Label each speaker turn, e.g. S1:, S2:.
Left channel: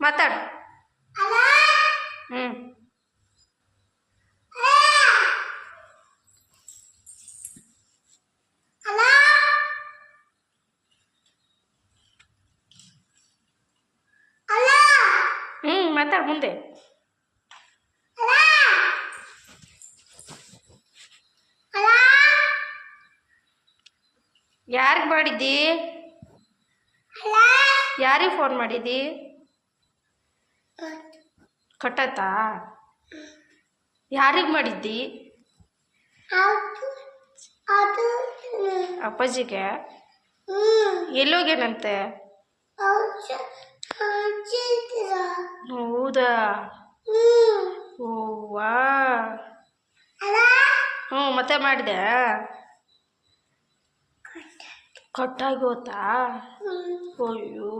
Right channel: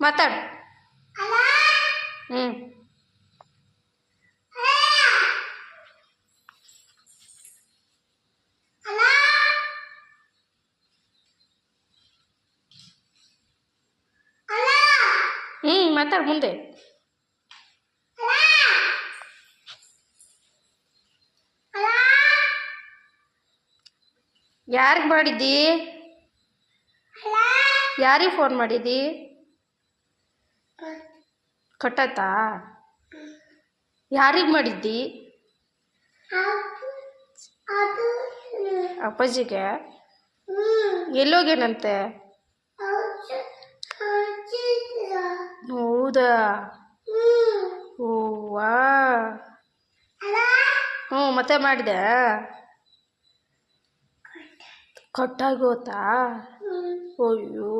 S1: ಮಾತಾಡು. ಹ್ಞೂ ಹ್ಞೂ ಮಾತಾಡು ಮುಂದೆ. ಯಾರಿಗೆ ಮಾಡಿದ್ದಿ? ಯಾರಿಗೆ ಫೋನ್ ಮಾಡಿದ್ದಿ? ಕಟ್ಟಾಯ್ತಾ ಯಾರಿಗೆ ಮಾಡಿದ್ದಿ? ಅಪ್ಪಾಜಿಗೆ? ಎಲ್ಲೋಗೇನಂತೆ ಹೌದಾ ಓವಾ ಹ್ಞೂ ಮತ್ತೆ ಮಾಡಿದೆ. ಕಟ್ಟಾಗೋತಾ ಅಯ್ಯೋ.